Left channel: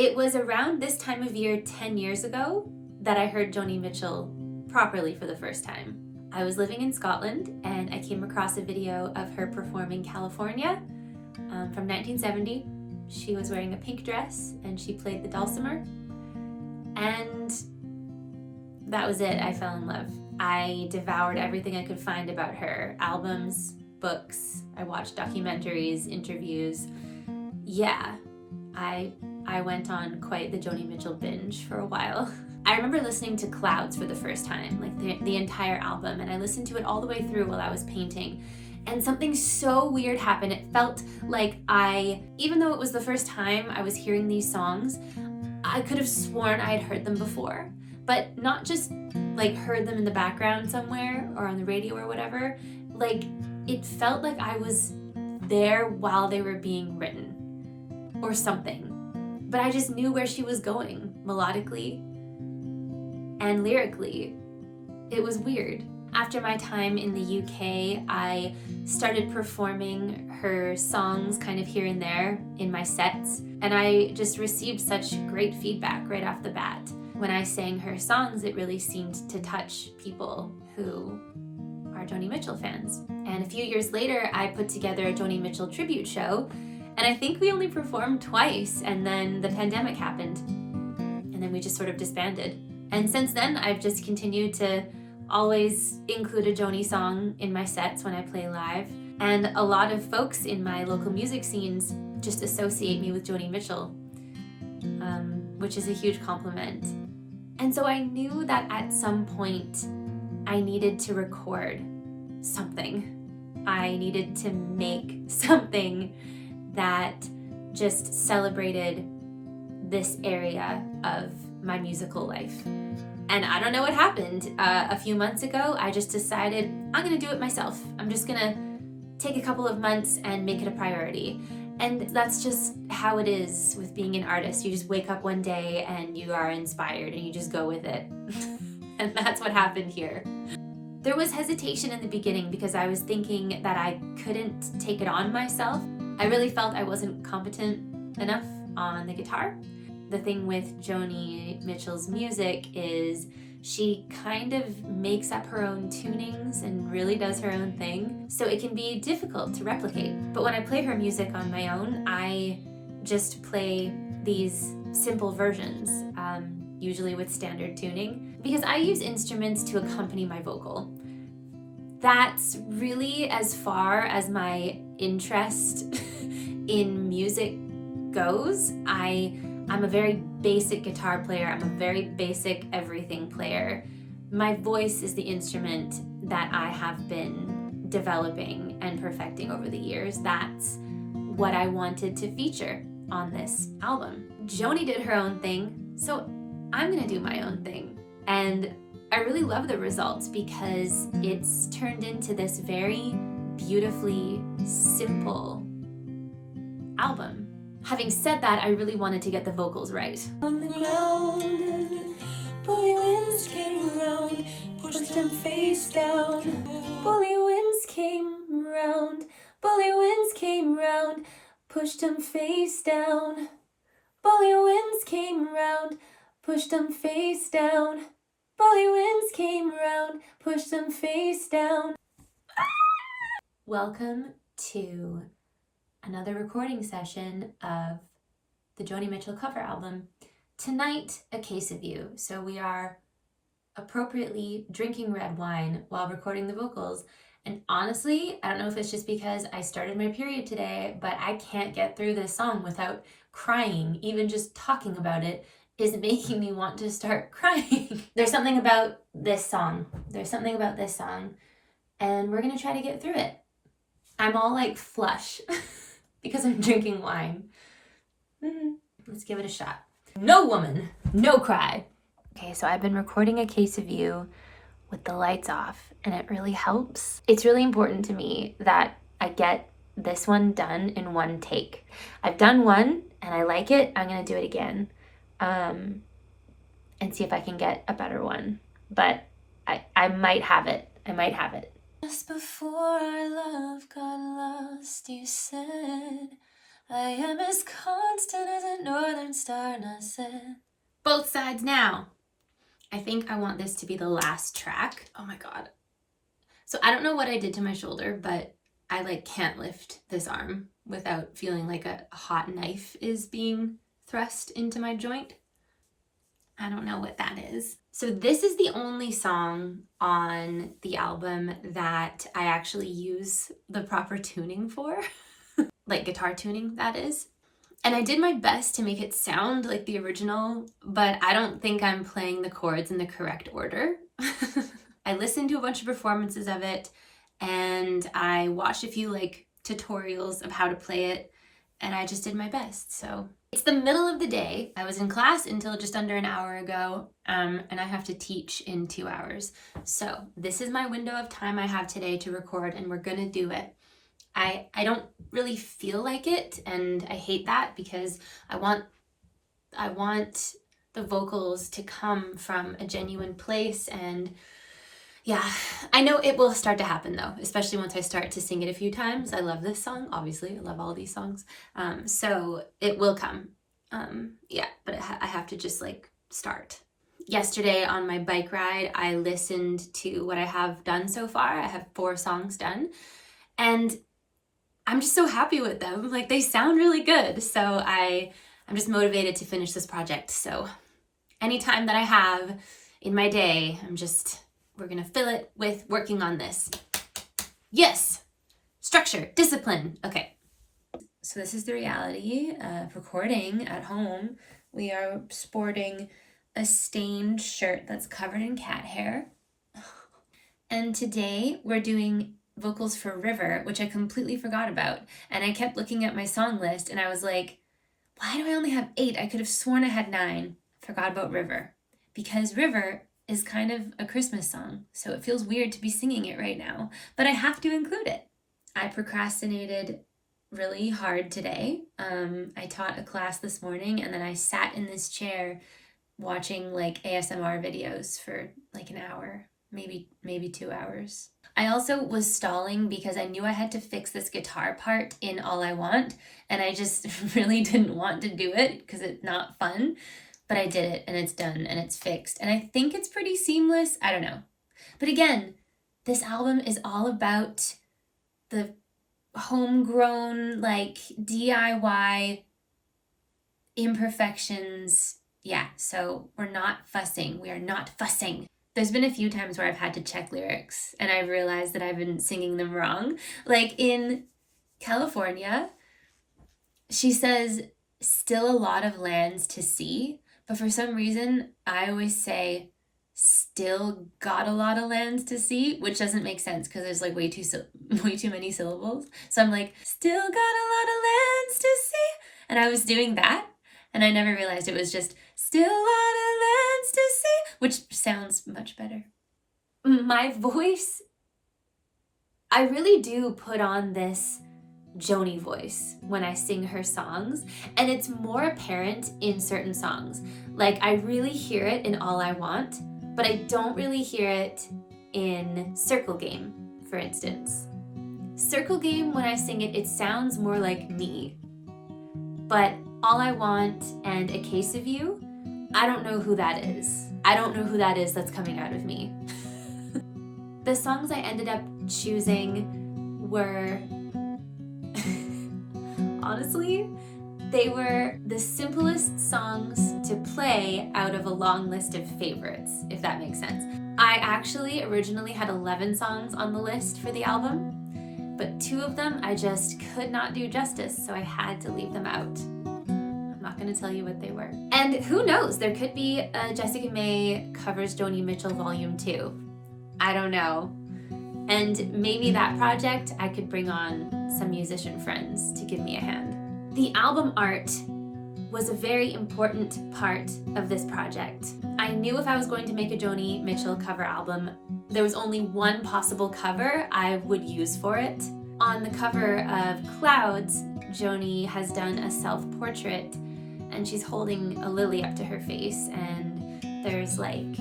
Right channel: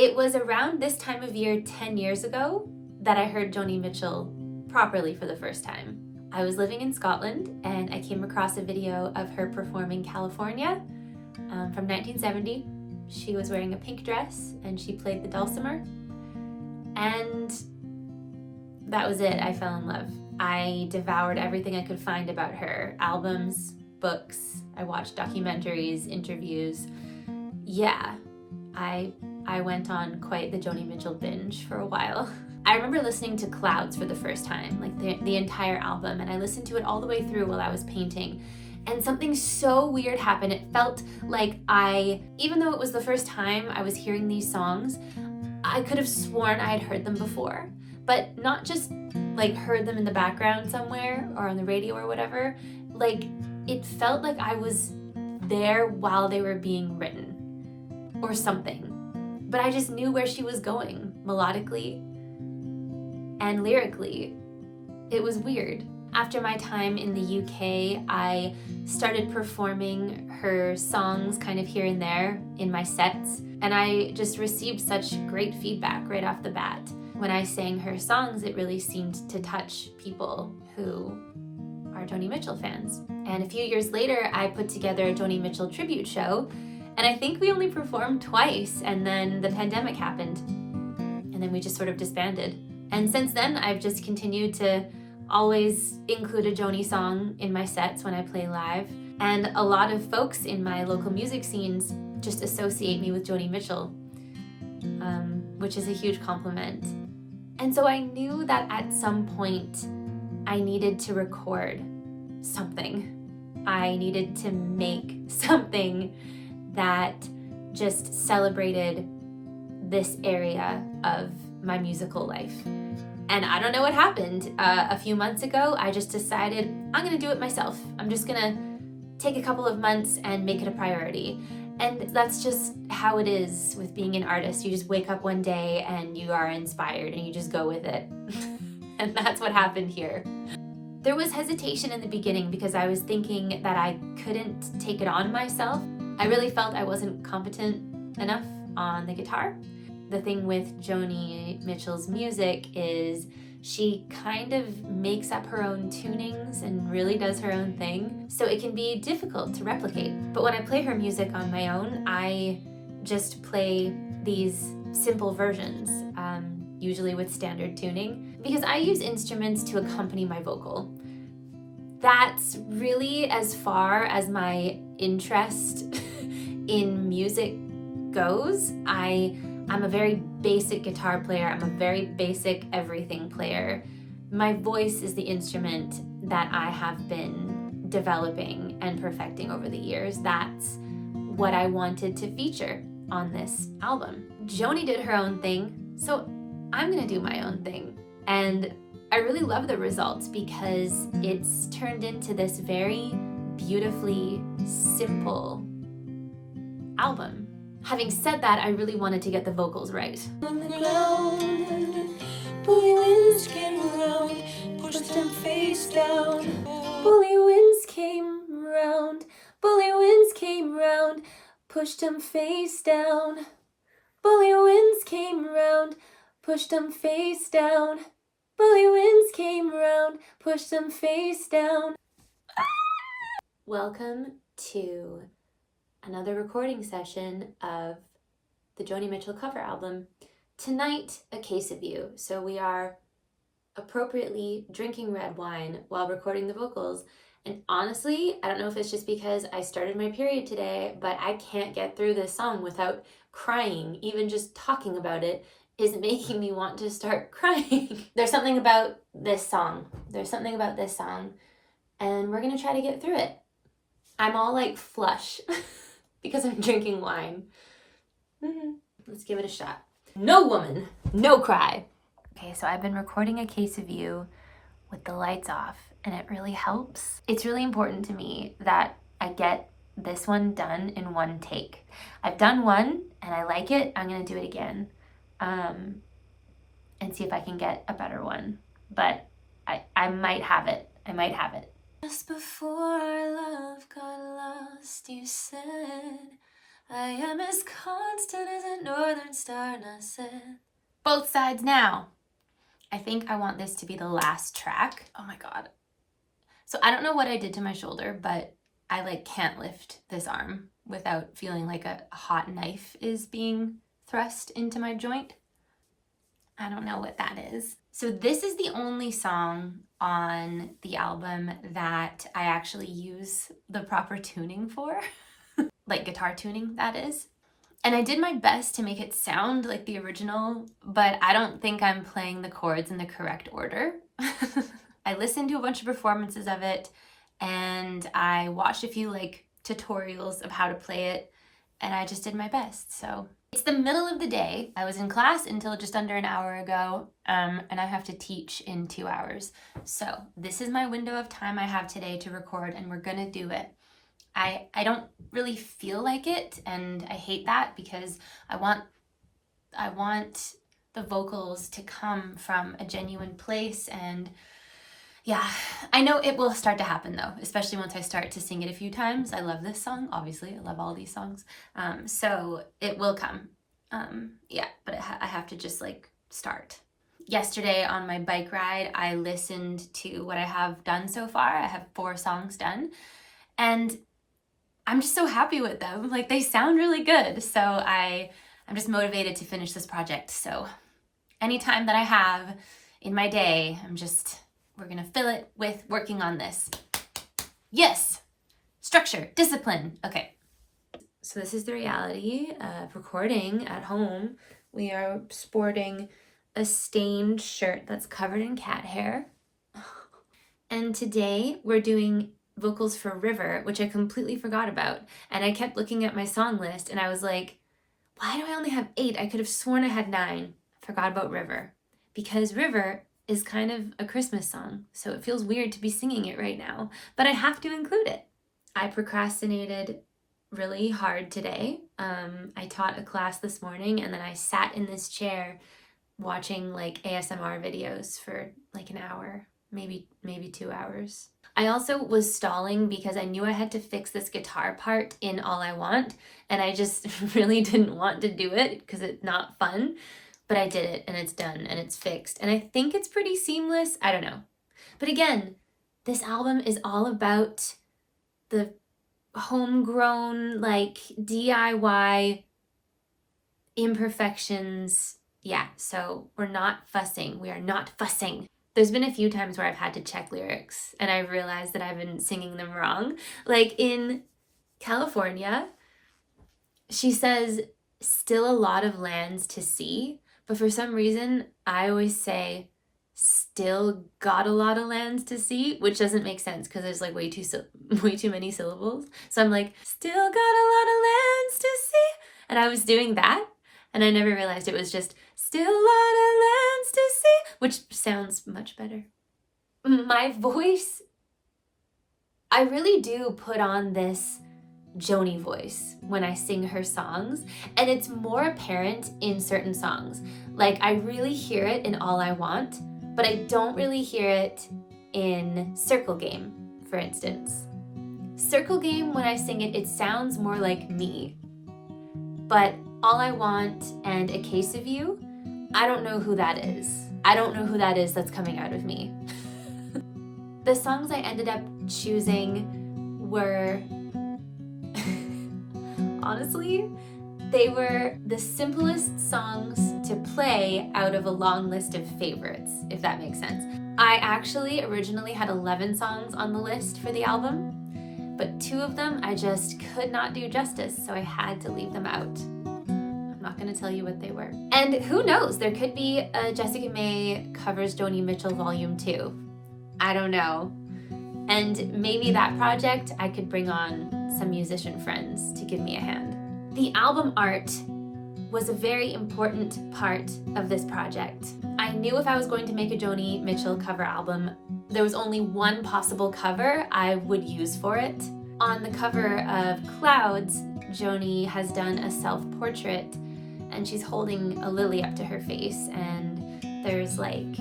It was around this time of year 10 years ago that I heard Joni Mitchell properly for the first time. I was living in Scotland and I came across a video of her performing California from 1970. She was wearing a pink dress and she played the dulcimer. And that was it. I fell in love. I devoured everything I could find about her. Albums, books, I watched documentaries, interviews. Yeah, I went on quite the Joni Mitchell binge for a while. I remember listening to Clouds for the first time, like the entire album, and I listened to it all the way through while I was painting. And something so weird happened. It felt like even though it was the first time I was hearing these songs, I could have sworn I had heard them before, but not just like heard them in the background somewhere or on the radio or whatever. Like it felt like I was there while they were being written or something. But I just knew where she was going melodically and lyrically. It was weird. After my time in the UK, I started performing her songs kind of here and there in my sets, and I just received such great feedback right off the bat. When I sang her songs, it really seemed to touch people who are Joni Mitchell fans. And a few years later, I put together a Joni Mitchell tribute show, and I think we only performed twice, and then the pandemic happened, and then we just sort of disbanded. And since then, I've just continued to always include a Joni song in my sets when I play live. And a lot of folks in my local music scenes just associate me with Joni Mitchell, which is a huge compliment. And so I knew that at some point I needed to record something. I needed to make something that just celebrated this area of my musical life. And I don't know what happened. A few months ago, I just decided I'm gonna do it myself. I'm just gonna take a couple of months and make it a priority. And that's just how it is with being an artist. You just wake up one day and you are inspired and you just go with it. And that's what happened here. There was hesitation in the beginning because I was thinking that I couldn't take it on myself. I really felt I wasn't competent enough on the guitar. The thing with Joni Mitchell's music is she kind of makes up her own tunings and really does her own thing, so it can be difficult to replicate. But when I play her music on my own, I just play these simple versions, usually with standard tuning, because I use instruments to accompany my vocal. That's really as far as my interest in music goes. I'm a very basic guitar player. I'm a very basic everything player. My voice is the instrument that I have been developing and perfecting over the years. That's what I wanted to feature on this album. Joni did her own thing, so I'm gonna do my own thing. And I really love the results because it's turned into this very beautifully simple album. Having said that, I really wanted to get the vocals right. On the ground, bully winds came around, pushed them face down. Bully winds came round, bully winds came round, pushed them face down. Bully winds came round, pushed them face down. Bully winds came round, pushed them face down. Welcome to another recording session of the Joni Mitchell cover album. Tonight, a case of you. So we are appropriately drinking red wine while recording the vocals. And honestly, I don't know if it's just because I started my period today, but I can't get through this song without crying. Even just talking about it is making me want to start crying. There's something about this song. And we're gonna try to get through it. I'm all like flush because I'm drinking wine. Let's give it a shot. No woman, no cry. Okay, so I've been recording a case of you with the lights off, and it really helps. It's really important to me that I get this one done in one take. I've done one and I like it. I'm gonna do it again and see if I can get a better one. But I might have it. Just before our love got lost, you said I am as constant as a northern star, and I said. Both sides now. I think I want this to be the last track. Oh my God. So I don't know what I did to my shoulder, but I like can't lift this arm without feeling like a hot knife is being thrust into my joint. I don't know what that is. So this is the only song on the album that I actually use the proper tuning for, like guitar tuning, that is. And I did my best to make it sound like the original, but I don't think I'm playing the chords in the correct order. I listened to a bunch of performances of it, and I watched a few like tutorials of how to play it, and I just did my best. So it's the middle of the day. I was in class until just under an hour ago, and I have to teach in 2 hours. So this is my window of time I have today to record, and we're gonna do it. I don't really feel like it, and I hate that because I want the vocals to come from a genuine place, and yeah, I know it will start to happen though, especially once I start to sing it a few times. I love this song, obviously. I love all these songs. So it will come. Yeah, but I have to just like start. Yesterday on my bike ride, I listened to what I have done so far. I have 4 songs done, and I'm just so happy with them. Like, they sound really good. So I'm just motivated to finish this project. So anytime that I have in my day, we're gonna fill it with working on this. Yes, structure, discipline. Okay. So this is the reality of recording at home. We are sporting a stained shirt that's covered in cat hair. And today we're doing vocals for River, which I completely forgot about. And I kept looking at my song list and I was like, why do I only have 8? I could have sworn I had 9. Forgot about River. Because River is kind of a Christmas song, so it feels weird to be singing it right now, but I have to include it. I procrastinated really hard today. I taught a class this morning, and then I sat in this chair watching like ASMR videos for like an hour, maybe 2 hours. I also was stalling because I knew I had to fix this guitar part in All I Want, and I just really didn't want to do it because it's not fun, but I did it and it's done and it's fixed. And I think it's pretty seamless. I don't know. But again, this album is all about the homegrown, like DIY imperfections. Yeah, so we're not fussing. We are not fussing. There's been a few times where I've had to check lyrics and I've realized that I've been singing them wrong. Like in California, she says, still a lot of lands to see. But for some reason, I always say, still got a lot of lands to see, which doesn't make sense because there's like way too many syllables. So I'm like, still got a lot of lands to see. And I was doing that, and I never realized it was just still a lot of lands to see, which sounds much better. My voice, I really do put on this Joni voice when I sing her songs, and it's more apparent in certain songs. Like, I really hear it in All I Want, but I don't really hear it in Circle Game, for instance. Circle Game, when I sing it, it sounds more like me. But All I Want and A Case of You, I don't know who that is. I don't know who that is that's coming out of me. The songs I ended up choosing were, honestly, they were the simplest songs to play out of a long list of favorites, if that makes sense. I actually originally had 11 songs on the list for the album, but 2 of them I just could not do justice, so I had to leave them out. I'm not gonna tell you what they were. And who knows, there could be a Jessica May covers Joni Mitchell Volume 2. I don't know. And maybe that project I could bring on some musician friends to give me a hand. The album art was a very important part of this project. I knew if I was going to make a Joni Mitchell cover album, there was only one possible cover I would use for it. On the cover of Clouds, Joni has done a self-portrait, and she's holding a lily up to her face, and there's like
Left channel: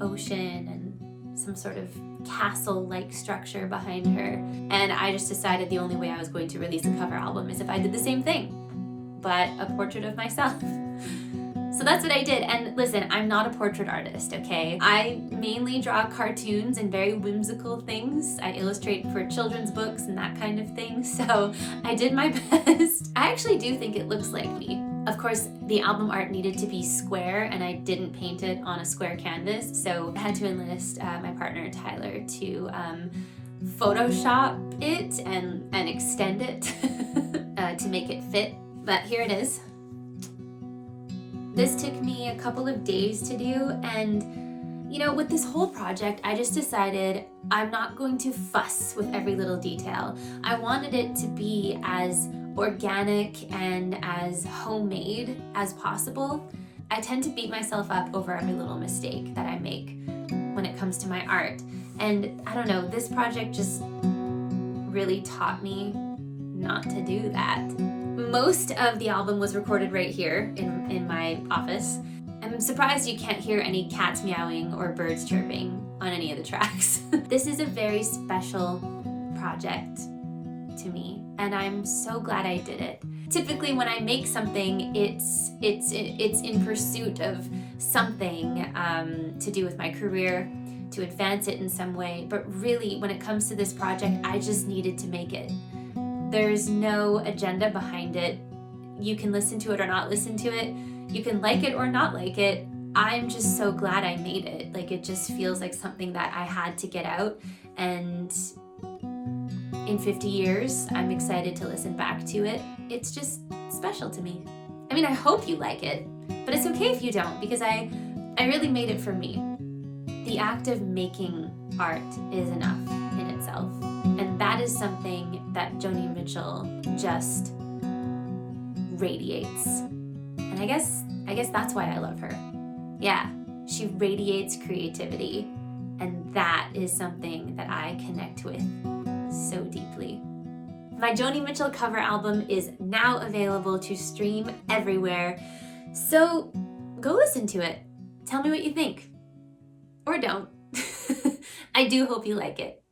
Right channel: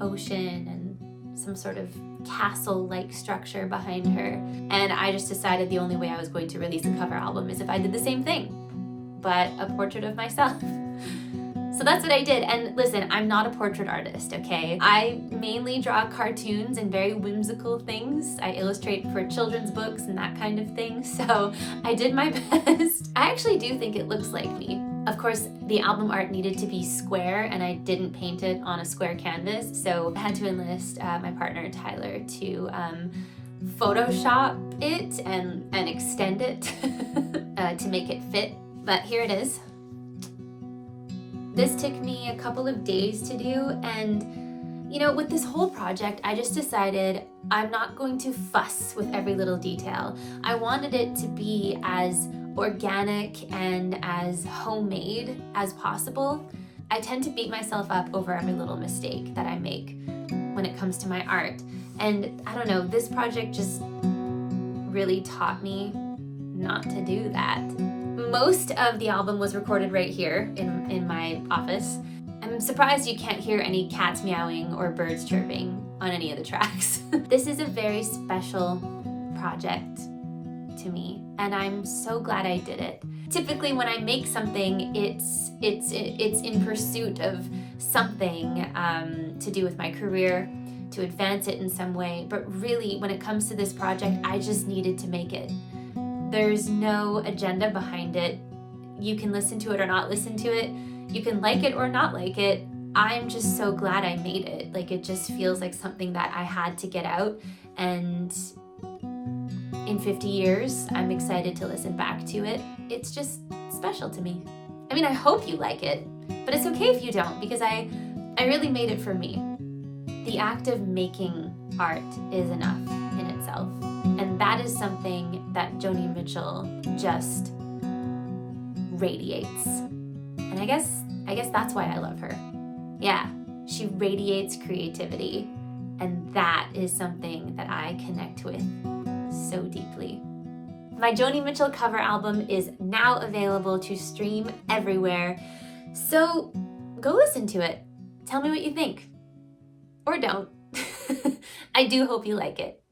ocean and some sort of castle-like structure behind her. And I just decided the only way I was going to release a cover album is if I did the same thing. but a portrait of myself. So that's what I did. And listen, I'm not a portrait artist, okay? I mainly draw cartoons and very whimsical things. I illustrate for children's books and that kind of thing. So I did my best. I actually do think it looks like me. Of course, the album art needed to be square and I didn't paint it on a square canvas. So I had to enlist my partner, Tyler, to Photoshop it and extend it to make it fit. But here it is. This took me a couple of days to do, and you know, with this whole project, I just decided I'm not going to fuss with every little detail. I wanted it to be as organic and as homemade as possible. I tend to beat myself up over every little mistake that I make when it comes to my art. And I don't know, this project just really taught me not to do that. Most of the album was recorded right here in my office. I'm surprised you can't hear any cats meowing or birds chirping on any of the tracks. This is a very special project to me, and I'm so glad I did it. Typically when I make something, it's in pursuit of something to do with my career, to advance it in some way, but really when it comes to this project, I just needed to make it. There's no agenda behind it. You can listen to it or not listen to it. You can like it or not like it. I'm just so glad I made it. Like, it just feels like something that I had to get out, and in 50 years, I'm excited to listen back to it. It's just special to me. I mean, I hope you like it, but it's okay if you don't, because I really made it for me. The act of making art is enough in itself. And that is something that Joni Mitchell just radiates. And I guess that's why I love her. Yeah, she radiates creativity. And that is something that I connect with so deeply. My Joni Mitchell cover album is now available to stream everywhere. So go listen to it. Tell me what you think. Or don't. I do hope you like it.